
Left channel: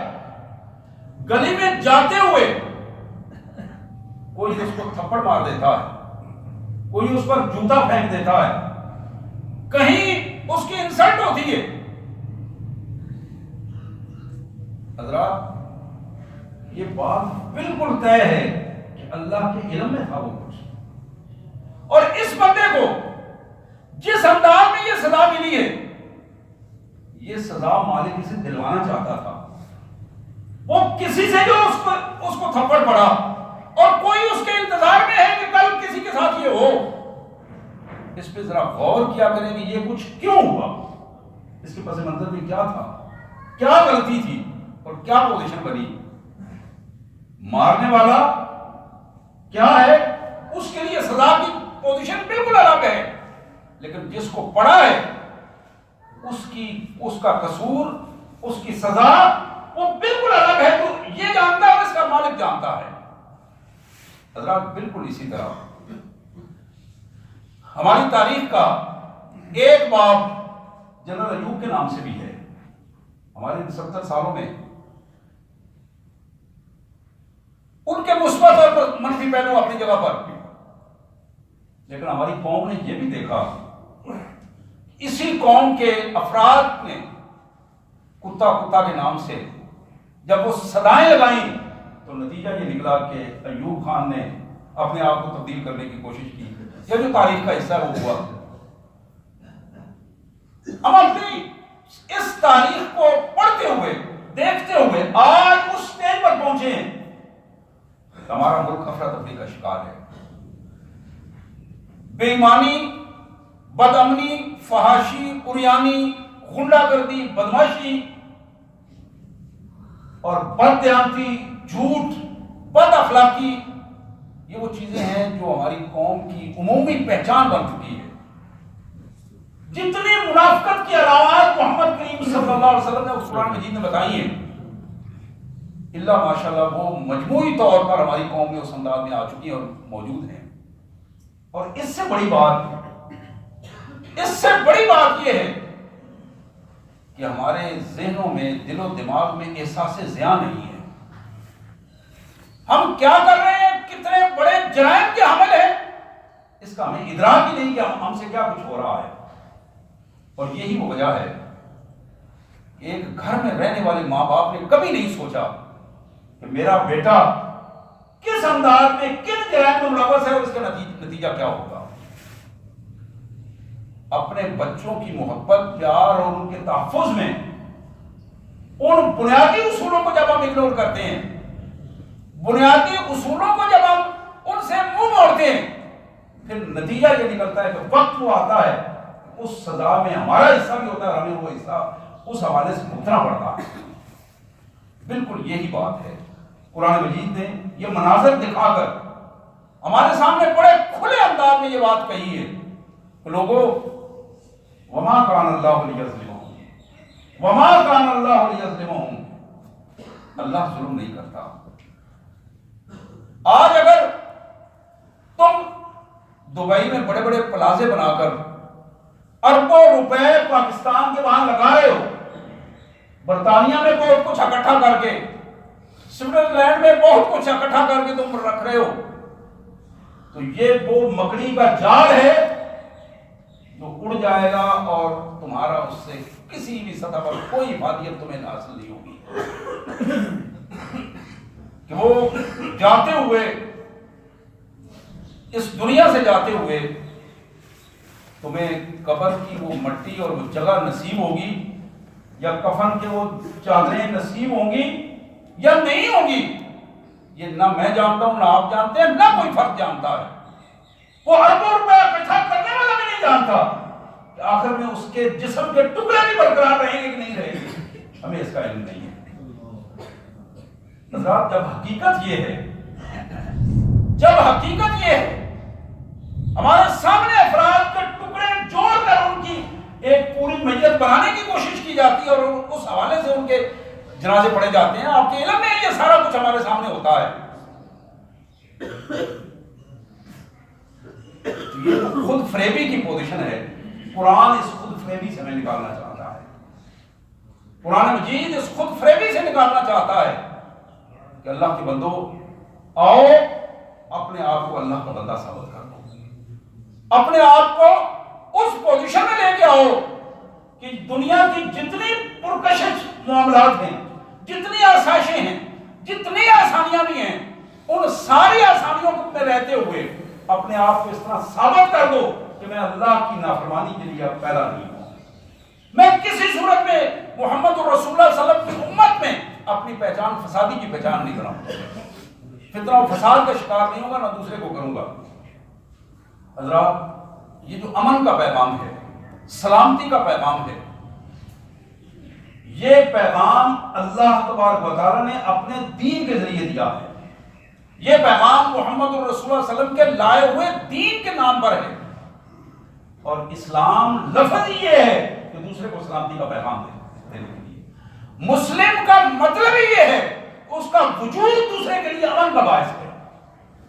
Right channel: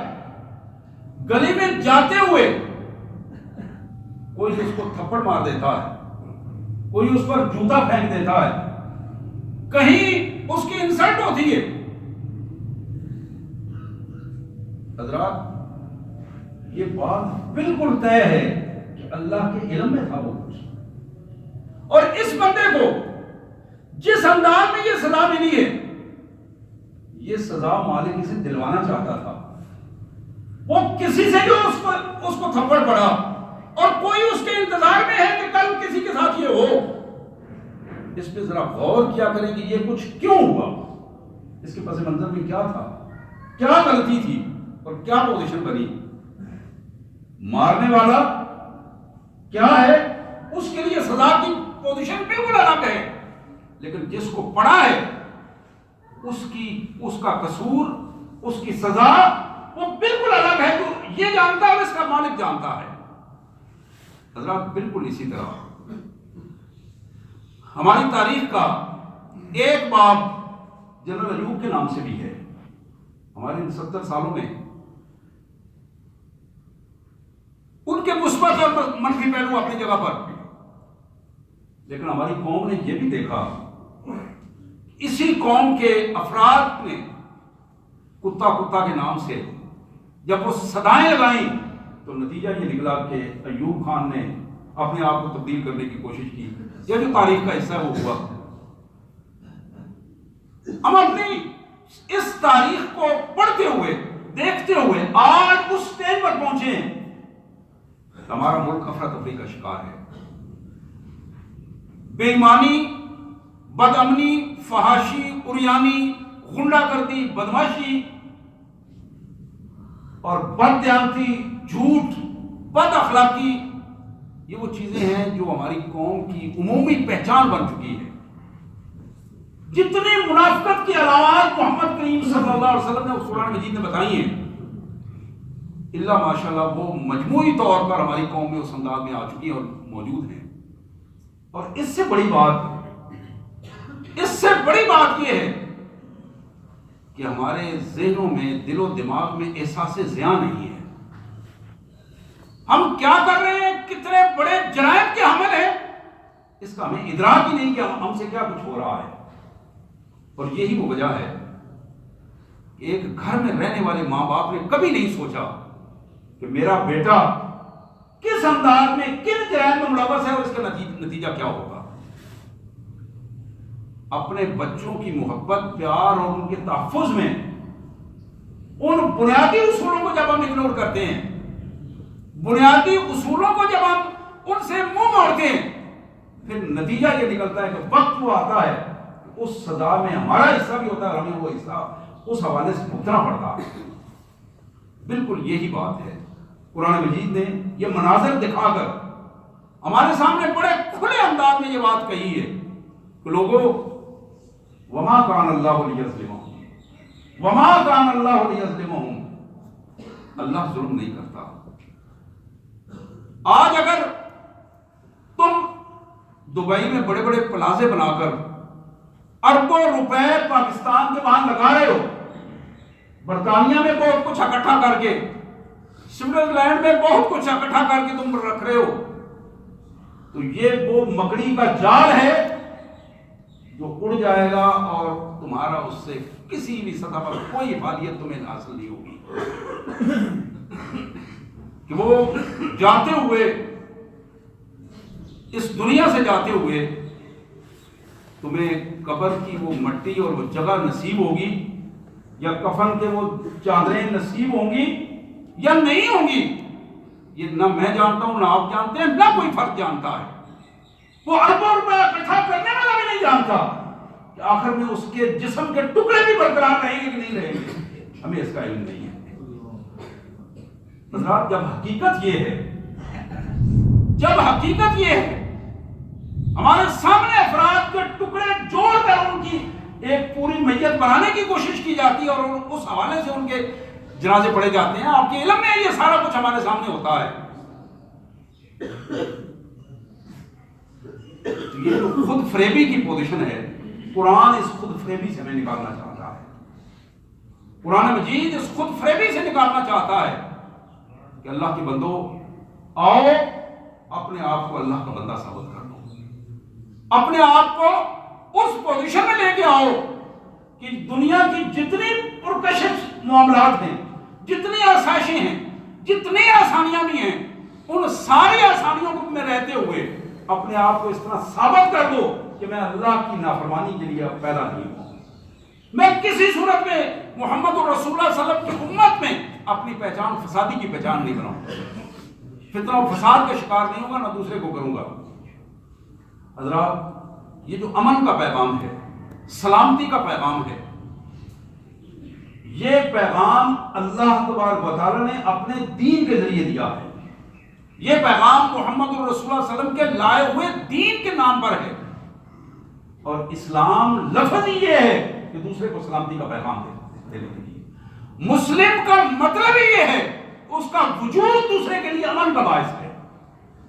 گلی میں جاتے ہوئے کوئی اس کو تھپڑ مار دیتا ہے، کوئی اس پر جوتا پھینک دیتا ہے، کہیں اس کی انسلٹ ہوتی ہے. حضرات یہ بات بالکل طے ہے کہ اللہ کے علم میں تھا وہ کچھ، اور اس بندے کو جس انداز میں یہ سزا ملی ہے، یہ سزا مالک اسے دلوانا چاہتا تھا. وہ کسی سے جو اس کو تھپڑ پڑا اور کوئی اس کے انتظار میں ہے کہ کل کسی کے ساتھ یہ ہو. اس پہ ذرا غور کیا کریں کہ یہ کچھ کیوں ہوا، اس کے پس منظر میں کیا تھا، کیا غلطی تھی اور کیا پوزیشن بنی. مارنے والا کیا ہے، اس کے لیے سزا کی پوزیشن بالکل الگ ہے، لیکن جس کو پڑا ہے اس کا قصور، اس کی سزا وہ بالکل الگ ہے. جو یہ جانتا ہے اور اس کا مالک جانتا ہے. حضرات بالکل اسی طرح ہماری تاریخ کا ایک باب جنرل ایوب کے نام سے بھی ہے. ہمارے 70 سالوں میں ان کے مثبت اور منفی پہلو اپنی جگہ پر، لیکن ہماری قوم نے یہ بھی دیکھا اسی قوم کے افراد نے کتا کتا کے نام سے جب وہ صدائیں لگائیں تو نتیجہ یہ نکلا کہ ایوب خان نے اپنے آپ کو تبدیل کرنے کی کوشش کی. یہ جو تاریخ کا حصہ وہ ہوا. ہم اپنی اس تاریخ کو پڑھتے ہوئے، دیکھتے ہوئے آج اس سٹیج پر پہنچے ہیں. ہمارا ملک افراتفری کا شکار ہے. بے ایمانی، بد امنی، فحاشی، عریانی، غنڈہ گردی، بدماشی اور بد دیانتی، جھوٹ، بد اخلاقی، یہ وہ چیزیں ہیں جو ہماری قوم کی عمومی پہچان بن چکی ہے. جتنی منافقت کی علامات محمد کریم صلی اللہ علیہ وسلم نے اس قرآن مجید میں بتائی ہیں، اللہ ماشاءاللہ وہ مجموعی طور پر ہماری قوم میں اس انداز میں آ چکی ہیں اور موجود ہیں. اور اس سے بڑی بات یہ ہے کہ ہمارے ذہنوں میں، دل و دماغ میں احساس زیاں نہیں ہے. ہم کیا کر رہے ہیں، کتنے بڑے جرائم کے حامل ہیں، اس کا ہمیں ادراک ہی نہیں کہ ہم سے کیا کچھ ہو رہا ہے. اور یہی وہ وجہ ہے کہ ایک گھر میں رہنے والے ماں باپ نے کبھی نہیں سوچا کہ میرا بیٹا کس انداز میں، کن جرائم میں ملوث ہے اور اس کا نتیجہ کیا ہوگا. اپنے بچوں کی محبت، پیار اور ان کے تحفظ میں ان بنیادی اصولوں کو جب ہم اگنور کرتے ہیں، بنیادی اصولوں کو جب ہم ان سے منہ موڑتے ہیں، پھر نتیجہ یہ نکلتا ہے کہ وقت وہ آتا ہے اس سزا میں ہمارا حصہ بھی ہوتا ہے اور ہمیں وہ حصہ اس حوالے سے بھگتنا پڑتا ہے. بالکل یہی بات ہے. قرآن مجید نے یہ مناظر دکھا کر ہمارے سامنے بڑے کھلے انداز میں یہ بات کہی ہے کہ لوگوں، وما کان اللہ لیظلمہم، وما کان اللہ لیظلمہم، اللہ ظلم نہیں کرتا. آج اگر تم دبئی میں بڑے بڑے پلازے بنا کر اربوں روپے پاکستان کے وہاں لگا رہے ہو، برطانیہ میں بہت کچھ اکٹھا کر کے، سوئٹزرلینڈ میں بہت کچھ اکٹھا کر کے تم رکھ رہے ہو، تو یہ وہ مکڑی کا جال ہے جو اڑ جائے گا اور تمہارا اس سے کسی بھی سطح پر کوئی افادیت تمہیں حاصل نہیں ہوگی کہ وہ جاتے ہوئے، اس دنیا سے جاتے ہوئے تمہیں قبر کی وہ مٹی اور وہ جگہ نصیب ہوگی، یا کفن کے وہ چادریں نصیب ہوں گی یا نہیں ہوں گی، یہ نہ میں جانتا ہوں، نہ آپ جانتے ہیں، نہ کوئی فرد جانتا ہے۔ وہ اربوں روپے اکٹھا کرنے والا بھی نہیں جانتا کہ آخر میں اس کے جسم کے ٹکڑے بھی برقرار رہیں گے کہ نہیں رہیں گے، ہمیں اس کا علم نہیں ہے۔ حضرات، جب حقیقت یہ ہے ہمارے سامنے افراد کے ٹکڑے جوڑ کر ان کی ایک پوری میت بنانے کی کوشش کی جاتی ہے اور اس حوالے سے ان کے جنازے پڑے جاتے ہیں، آپ کے علم میں یہ سارا کچھ ہمارے سامنے ہوتا ہے۔ یہ جو خود فریبی کی پوزیشن ہے، قرآن اس خود فریبی سے ہمیں نکالنا چاہتا ہے۔ قرآن مجید اس خود فریبی سے نکالنا چاہتا ہے کہ اللہ کے بندو، آؤ اپنے آپ کو اللہ کا بندہ ثابت کر دو، اپنے آپ کو اس پوزیشن میں لے کے آؤ کہ دنیا کی جتنی پرکشش معاملات ہیں، جتنی آسائشیں ہیں، جتنی آسانیاں بھی ہیں، ان ساری آسانیوں میں رہتے ہوئے اپنے آپ کو اس طرح ثابت کر دو کہ میں اللہ کی نافرمانی کے لیے پیدا نہیں ہوں، میں کسی صورت میں محمد رسول اللہ صلی اللہ علیہ وسلم کی امت میں اپنی پہچان فسادی کی پہچان نہیں بناؤں، فتنہ و فساد کا شکار نہیں ہوگا، نہ دوسرے کو کروں گا۔ حضرات، یہ جو امن کا پیغام ہے، سلامتی کا پیغام ہے، یہ پیغام اللہ تبارک و تعالیٰ نے اپنے دین کے ذریعے دیا ہے۔ یہ پیغام محمد رسول اللہ صلی اللہ علیہ وسلم کے لائے ہوئے دین کے نام پر ہے، اور اسلام لفظ یہ ہے کہ دوسرے کو سلامتی کا پیغام دینے کے لیے۔ مسلم کا مطلب ہی یہ ہے کہ اس کا وجود دوسرے کے لیے امن کا باعث ہے،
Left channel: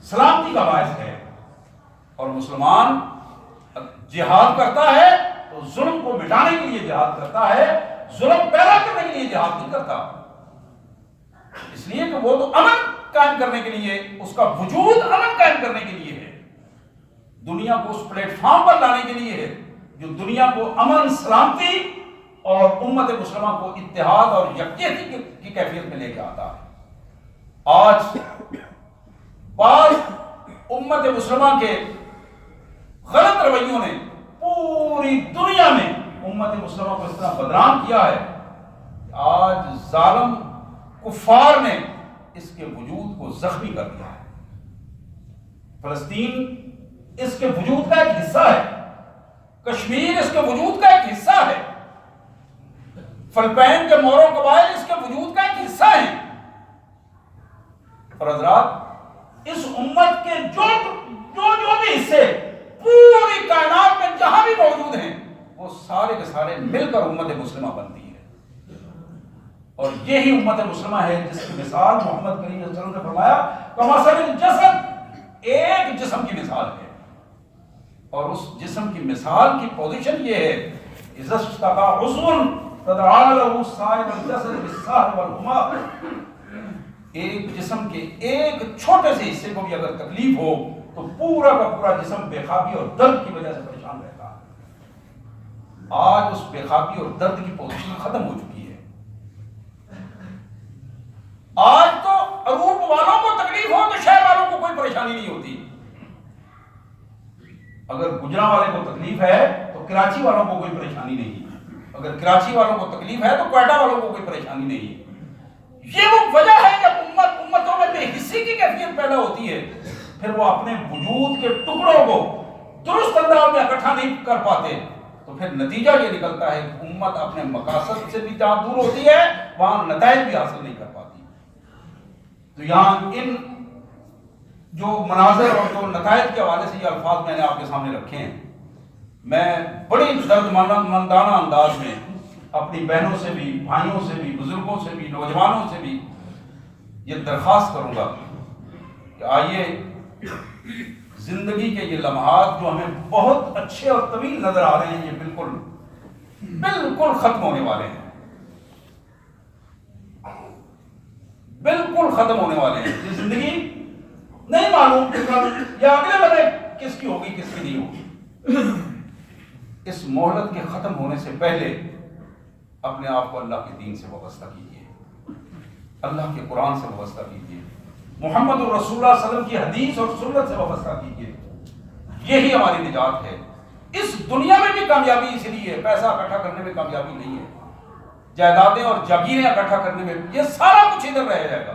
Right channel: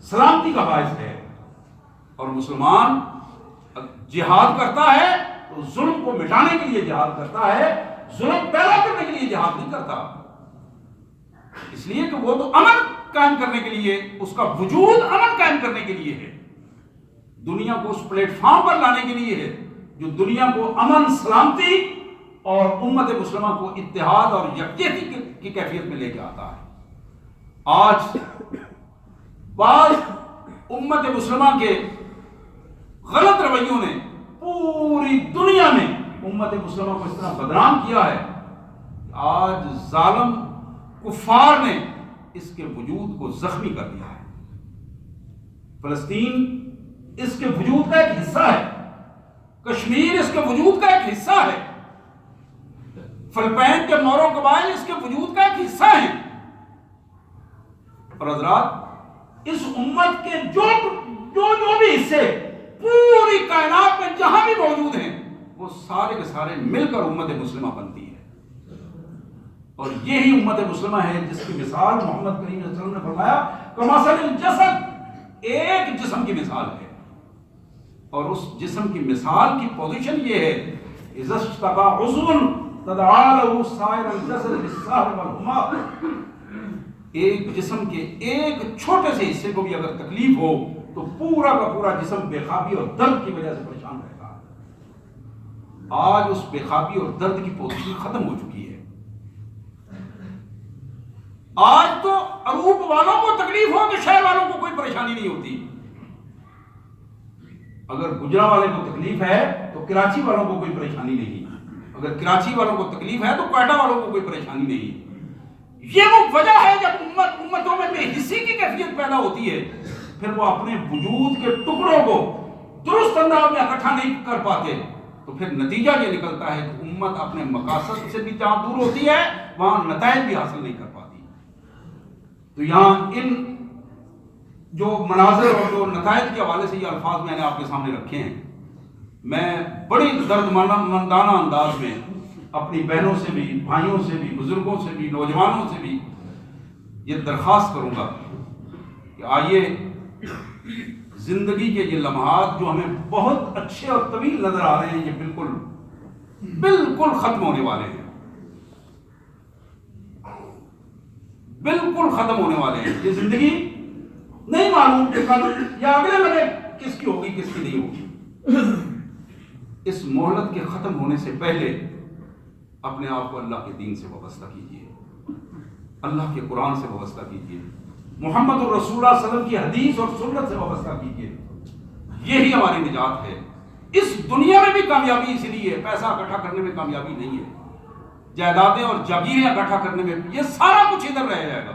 سلامتی کا باعث ہے۔ اور مسلمان جہاد کرتا ہے تو ظلم کو مٹانے کے لیے جہاد کرتا ہے، ظلم پیدا کرنے کے لیے جہاد نہیں کرتا، اس لیے کہ وہ تو امن قائم کرنے کے لیے، اس کا وجود امن قائم کرنے کے لیے ہے، دنیا کو اس پلیٹ فارم پر لانے کے لیے ہے جو دنیا کو امن، سلامتی اور امت مسلمہ کو اتحاد اور یکجہتی کی کیفیت میں لے کے آتا ہے۔ آج بعض امت مسلمہ کے غلط رویوں نے پوری دنیا میں امت مسلمہ کو اس طرح بدنام کیا ہے کہ آج ظالم کفار نے اس کے وجود کو زخمی کر دیا ہے۔ فلسطین اس کے وجود کا ایک حصہ ہے، کشمیر اس کے وجود کا ایک حصہ ہے، فلپائن کے مورو قبائل اس کے وجود کا ایک حصہ ہیں۔ اور حضرات، اس امت کے جو بھی حصے پوری کائنات میں جہاں بھی موجود ہیں، وہ سارے کے سارے مل کر امت مسلمہ بنتی ہے، اور یہی امت مسلمہ ہے جس کی مثال محمد کریم صلی اللہ علیہ وسلم نے فرمایا کمثل الجسد، ایک جسم کی مثال ہے، اور اس جسم کی مثال کی پوزیشن یہ ہے اذا اشتكى عضو تداعى له سائر الجسد بالسهر والحمى، ایک جسم کے ایک چھوٹے سے حصے کو بھی اگر تکلیف ہو تو پورا کا پورا جسم بے خوابی اور درد کی وجہ سے پریشان رہتا ہے۔ آج اس بے خوابی اور درد کی پوزیشن ختم ہو چکی ہے۔ آج تو عروب والوں کو تکلیف ہو تو شہر والوں کو کوئی پریشانی نہیں ہوتی، اگر گجرا والے کو تکلیف ہے تو کراچی والوں کو کوئی پریشانی نہیں، اگر کراچی والوں کو تکلیف ہے تو کوئٹہ والوں کو کوئی پریشانی نہیں۔ یہ وہ وجہ ہے جب امتوں میں بے حسی کی کیفیت پیدا ہوتی ہے، پھر وہ اپنے وجود کے ٹکڑوں کو درست انداز میں اکٹھا نہیں کر پاتے، تو پھر نتیجہ یہ نکلتا ہے کہ امت اپنے مقاصد سے بھی جہاں دور ہوتی ہے وہاں نتائج بھی حاصل نہیں کر پاتی۔ تو یہاں ان جو مناظر اور جو نتائج کے حوالے سے یہ الفاظ میں نے آپ کے سامنے رکھے ہیں، میں بڑی درد مندانہ انداز میں اپنی بہنوں سے بھی، بھائیوں سے بھی، بزرگوں سے بھی، نوجوانوں سے بھی یہ درخواست کروں گا کہ آئیے زندگی کے یہ لمحات جو ہمیں بہت اچھے اور طویل نظر آ رہے ہیں، یہ بالکل ختم ہونے والے ہیں، بالکل ختم ہونے والے ہیں۔ یہ زندگی نہیں معلوم کہ کل یا اگلے لمحے کس کی ہوگی کس کی نہیں ہوگی۔ اس مہلت کے ختم ہونے سے پہلے اپنے آپ کو اللہ کے دین سے وابستہ کیجیے، اللہ کے قرآن سے وابستہ کیجیے، محمد الرسول اللہ صلی اللہ علیہ وسلم کی حدیث اور سنت سے وابستہ کیجیے۔ یہی ہماری نجات ہے۔ اس دنیا میں بھی کامیابی اسی لیے، پیسہ اکٹھا کرنے میں کامیابی نہیں ہے، جائیدادیں اور جاگیریں اکٹھا کرنے میں، یہ سارا کچھ ادھر رہ جائے گا۔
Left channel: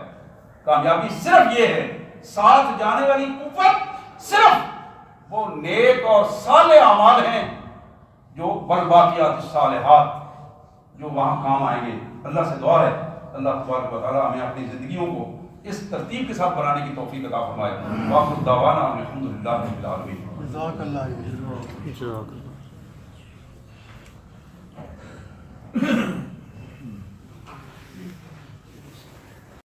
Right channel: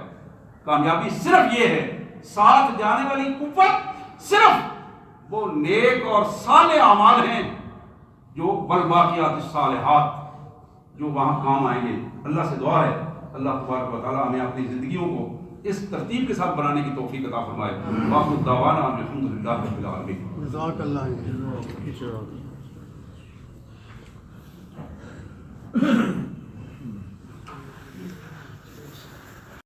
کامیابی صرف یہ ہے، ساتھ جانے والی قوت صرف وہ نیک اور صالح اعمال ہیں جو والباقیات الصالحات جو وہاں کام آئیں گے۔ اللہ سے دعا ہے اللہ تبارک و تعالیٰ ہمیں اپنی زندگیوں کو اس ترتیب کے ساتھ بنانے کی توفیق عطا فرمائے۔ وآخر دعوانا الحمد للہ رب العالمین۔